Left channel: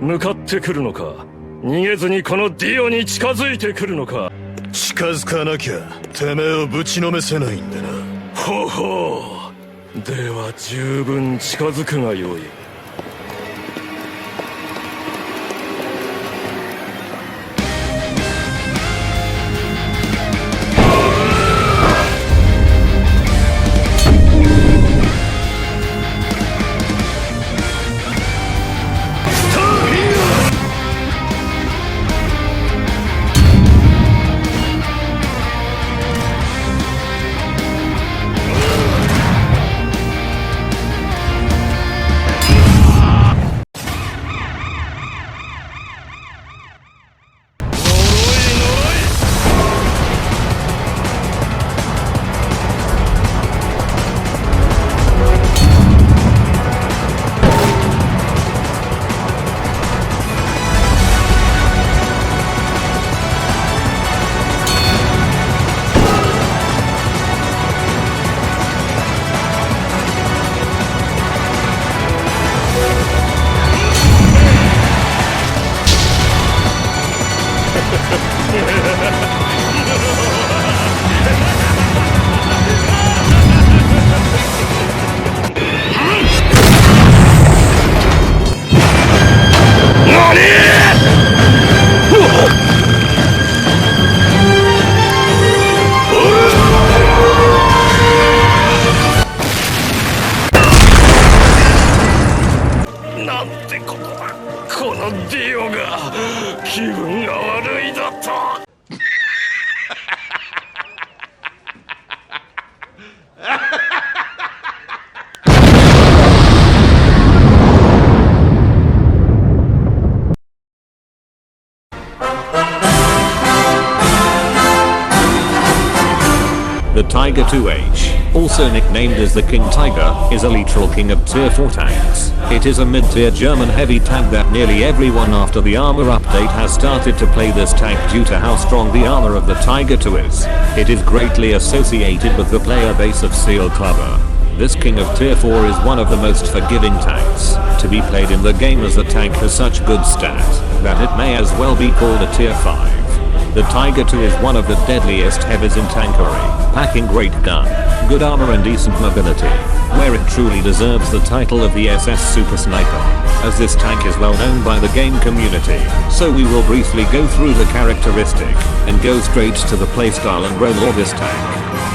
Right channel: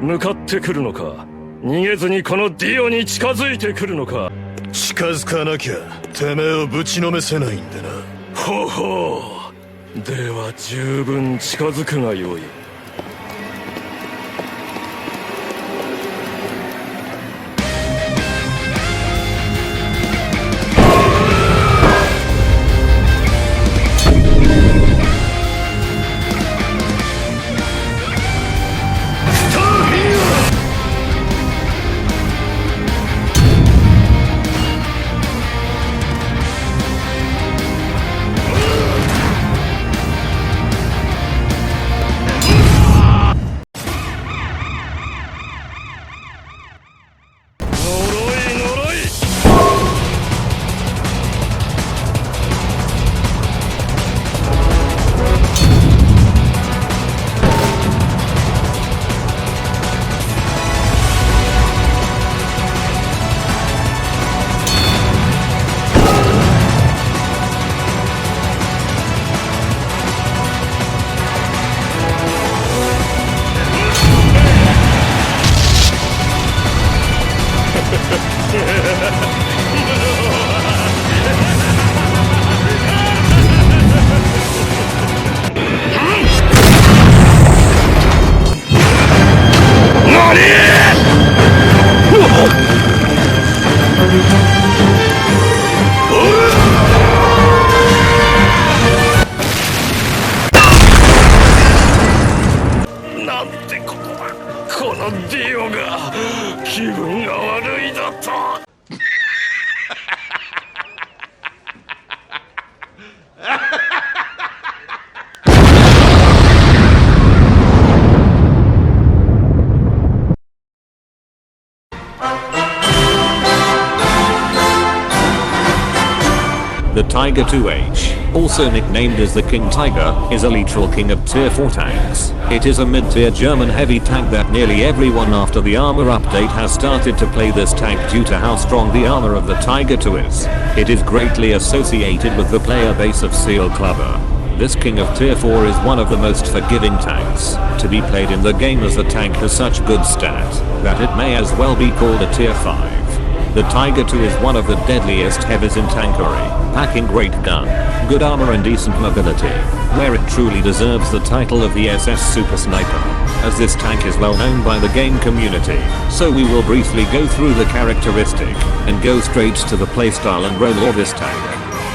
向かってくるのか、逃げずにこのディオに近づいてくるのか。近づかなきゃてめえをぶちのめせないんでな。ほほう、では十分近づくがよい。なんてことだ、このディオが。気分が悪いだと。The Tiger 2H, also nicknamed as the King Tiger, is a literal king of tier 4 tanks. It is a mid-tier German heavy tank that nearly everyone after the armor update has started to play this tank due to how strong the armor of the Tiger 2 is. It is greatly associated with the player base of Seal Clubber. This king of tier 4 is one of the most forgiving tanks to be played in the game, as the tank has such good stats that it may as well be called a tier 5. The Tiger 2 is one of the deadliest heavies in Tankery, packing great gun, good armor and decent mobility, where it truly deserves the title of the SS Super Sniper, as this tank is well known by the game community. So we will briefly go through the characteristic, and go straight to the playstyle and role of this tank.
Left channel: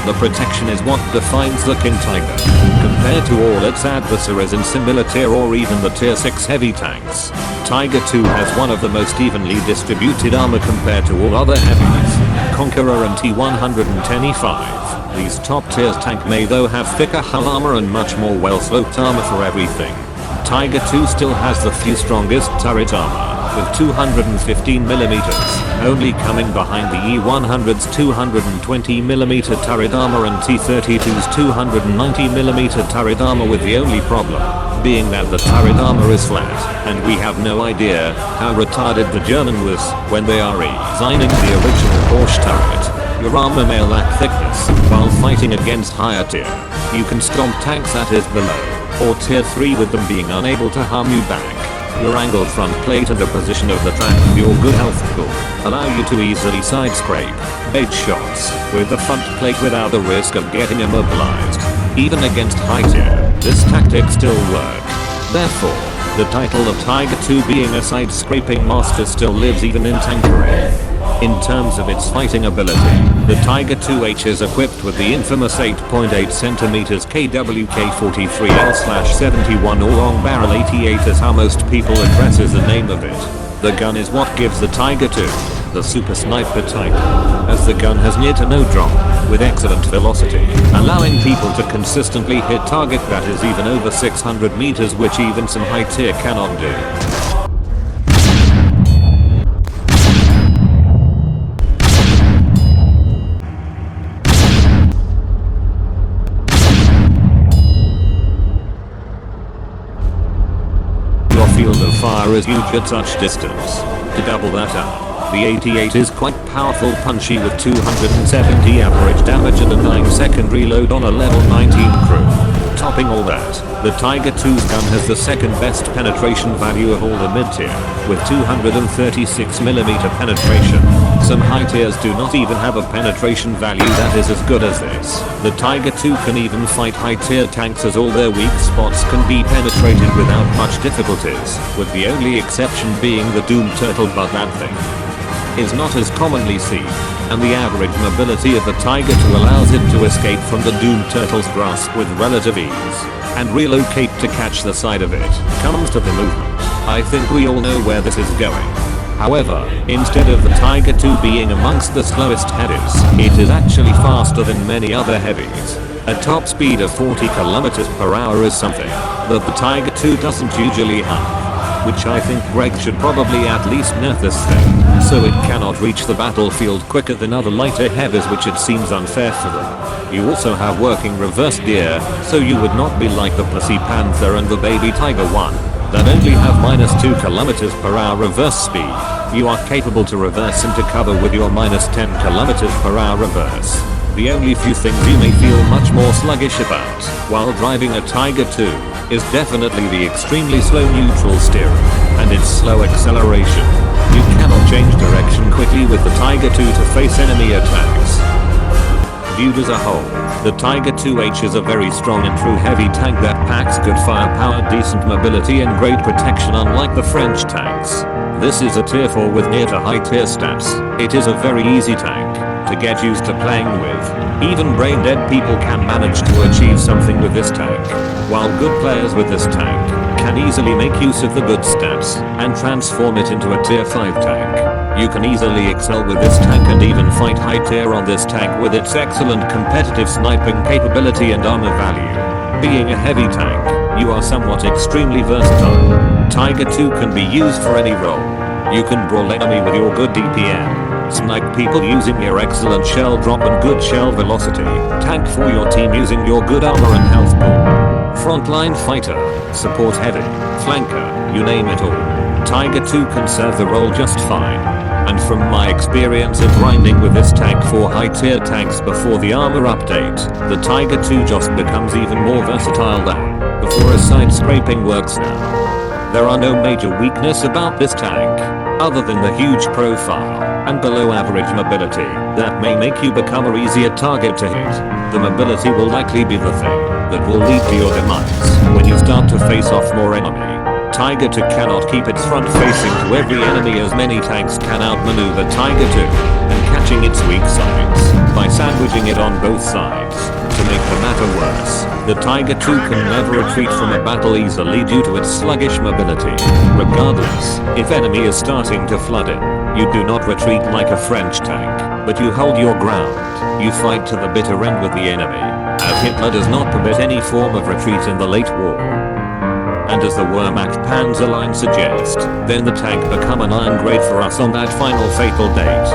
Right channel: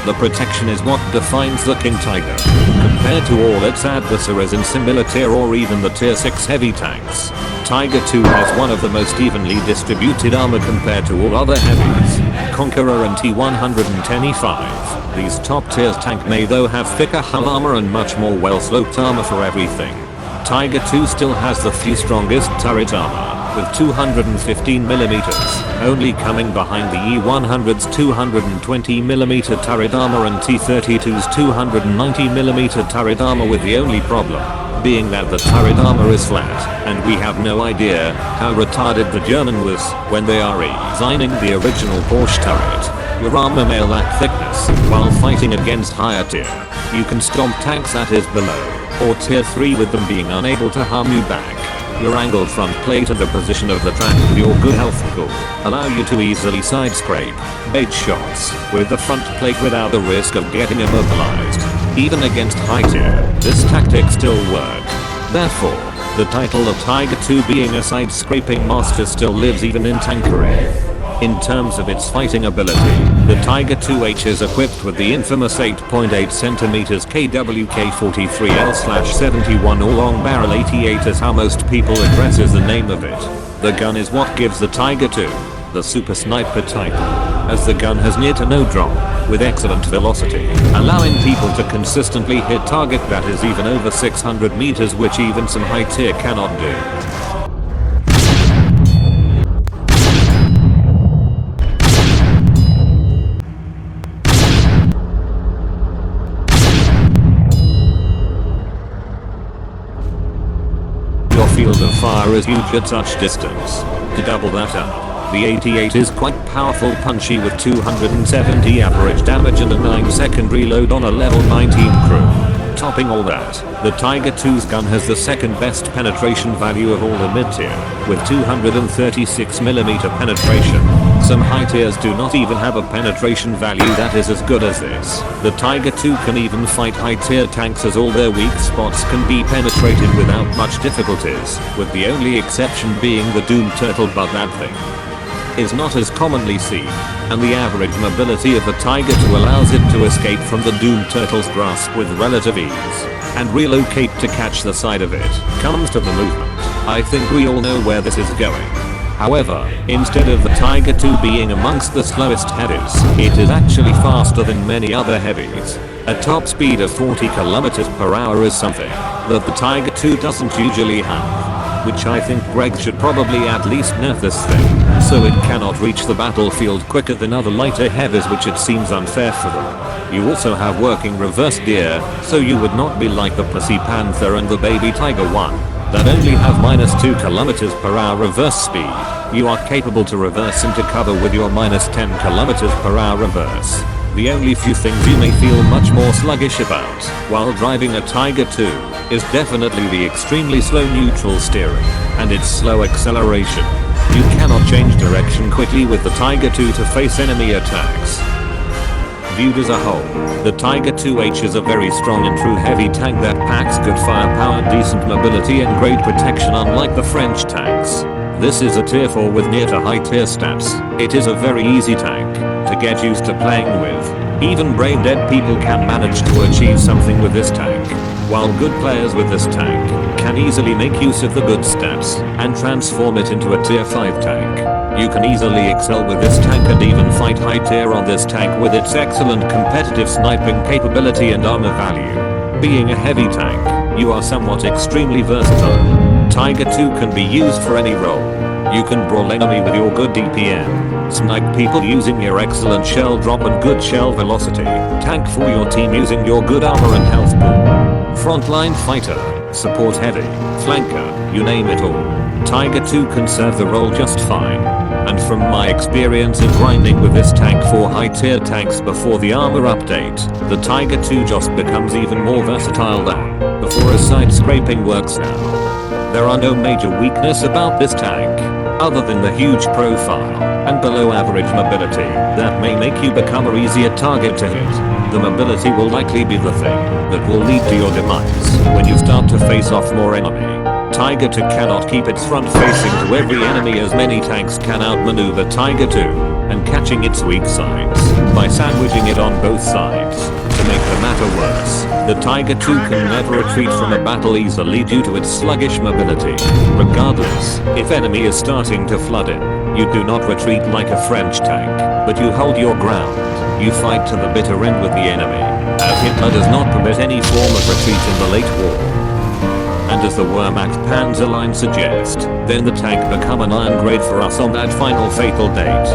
The protection is what defines the King Tiger, compared to all its adversaries in similar tier or even the tier 6 heavy tanks. Tiger 2 has one of the most evenly distributed armor compared to all other heavies, Conqueror and T110E5. These top tiers tank may though have thicker hull armor and much more well sloped armor for everything. Tiger 2 still has the few strongest turret armor, with 215mm, only coming behind the E100's 220mm turret armor and T32's 290mm turret armor, with the only problem being that the turret armor is flat, and we have no idea how retarded the German was when they are redesigning the original Porsche turret. Your armor may lack thickness while fighting against higher tier. You can stomp tanks that is below, or tier 3 with them being unable to harm you back. Your angled front plate and the position of the track and your good health pool allow you to easily side scrape bait shots with the front plate without the risk of getting immobilized. Even against high tier, this tactic still works. Therefore, the title of Tiger 2 being a side scraping master still lives even in Tankery. In terms of its fighting ability, the Tiger 2H is equipped with the infamous 8.8cm KWK-43L/71 or long barrel 88, as how most people addresses the name of it. The gun is what gives the Tiger 2 the Super Sniper title, as the gun has near to no drop, with excellent velocity, allowing people to consistently hit target that is even over 600 meters, which even some high tier cannot do. Your field of fire is huge at such distance. To double that up, the 88 is quite powerful, punchy, with 270 average damage and a 9-second reload on a level 19 crew. topping all that, the Tiger 2's gun has the second best penetration value of all the mid-tier, with 236mm penetration. Some high tiers do not even have a penetration value that is as good as this. The Tiger 2 can even fight high tier tanks as all their weak spots can be penetrated without much difficulties, with the only exception being the Doom Turtle, but that thing is not as commonly seen, and the average mobility of the Tiger 2 allows it to escape from the Doom Turtle's grasp with relative ease, and relocate to catch the side of it. Comes to the movement, I think we all know where this is going. However, instead of the Tiger 2 being amongst the slowest heavies, it is actually faster than many other heavies. A top speed of 40 km/h is something that the Tiger 2 doesn't usually have, which I think Greg should probably at least nerf this thing, so it cannot reach the battlefield quicker than other lighter heavies, which it seems unfair for them. You also have working reverse gear, so you would not be like the Pussy Panther and the Baby Tiger 1, that only have -2 km/h reverse speed. You are capable to reverse into cover with your -10 km/h reverse. The only few things you may feel much more sluggish about while driving a Tiger 2 is definitely the extremely slow neutral steering and its slow acceleration. You cannot change direction quickly with the Tiger 2 to face enemy attacks. Viewed as a whole, the Tiger 2H is a very strong and true heavy tank that packs good firepower, decent mobility and great protection, unlike the French tanks. This is a tier 4 with near to high tier stats. It is a very easy tank to get used to playing with. Even brain dead people can manage to achieve something with this tank, while good players with this tank can easily make use of the good stats and transform it into a tier 5 tank. You can easily excel with this tank and even fight high tier on this tank with its excellent competitive sniping capability and armor value. Being a heavy tank, you are somewhat extremely versatile. Tiger 2 can be used for any role. You can brawl enemy with your good DPM, snipe people using your excellent shell drop and good shell velocity, tank for your team using your good armor and health pool, frontline fighter, support heavy, flanker, you name it all. Tiger 2 can serve the role just fine. And from my experience of grinding with this tank for high tier tanks before the armor update, the Tiger 2 just becomes even more versatile than before, as side scraping works now. There are no major weakness about this tank, other than the huge profile and below average mobility that may make you become an easier target to hit. The mobility will likely be the thing that will lead to your demise when you start to face off more enemy. Tiger 2 cannot keep its front facing to every enemy, as many tanks can outmaneuver Tiger 2 and catching its weak sides by sandwiching it on both sides. To make the matter worse, the Tiger 2 can never retreat from a battle easily due to its sluggish mobility. Regardless, if enemy is starting to flood in, you do not retreat like a French tank, but you hold your ground. You fight to the bitter end with the enemy, as Hitler does not permit any form of retreat in the late war. And as the Wehrmacht Panzerlied suggest, then the tank become an iron grade for us on that final fatal date.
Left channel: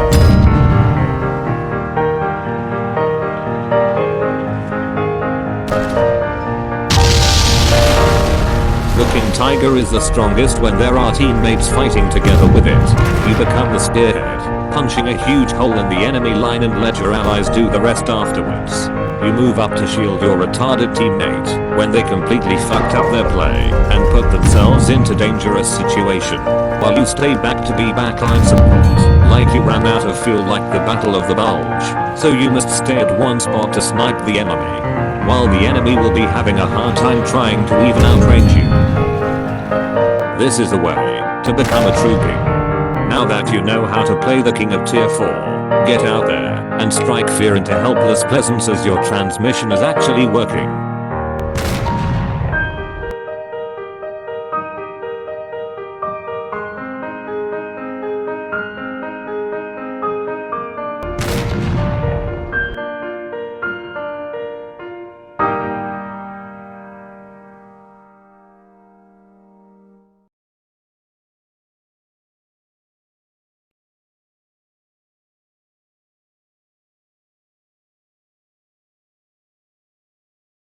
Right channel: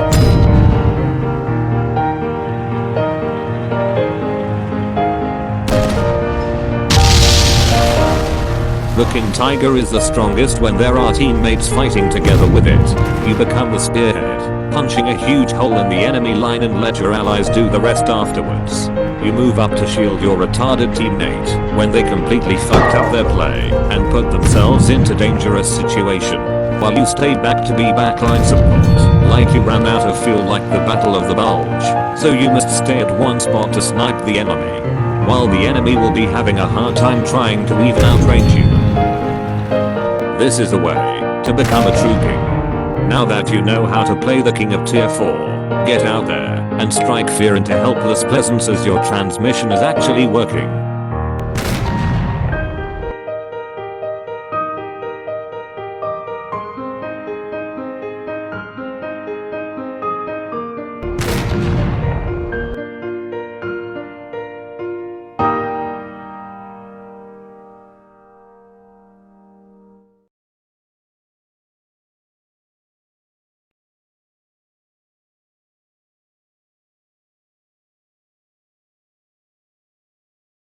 The King Tiger is the strongest when there are teammates fighting together with it. You become the spearhead, punching a huge hole in the enemy line and let your allies do the rest afterwards. You move up to shield your retarded teammate when they completely fucked up their play and put themselves into dangerous situation, while you stay back to be backline support, like you ran out of fuel like the Battle of the Bulge, so you must stay at one spot to snipe the enemy, while the enemy will be having a hard time trying to even outrange you. This is the way to become a true king. Now that you know how to play the king of tier 4, get out there and strike fear into helpless peasants, as your transmission is actually working.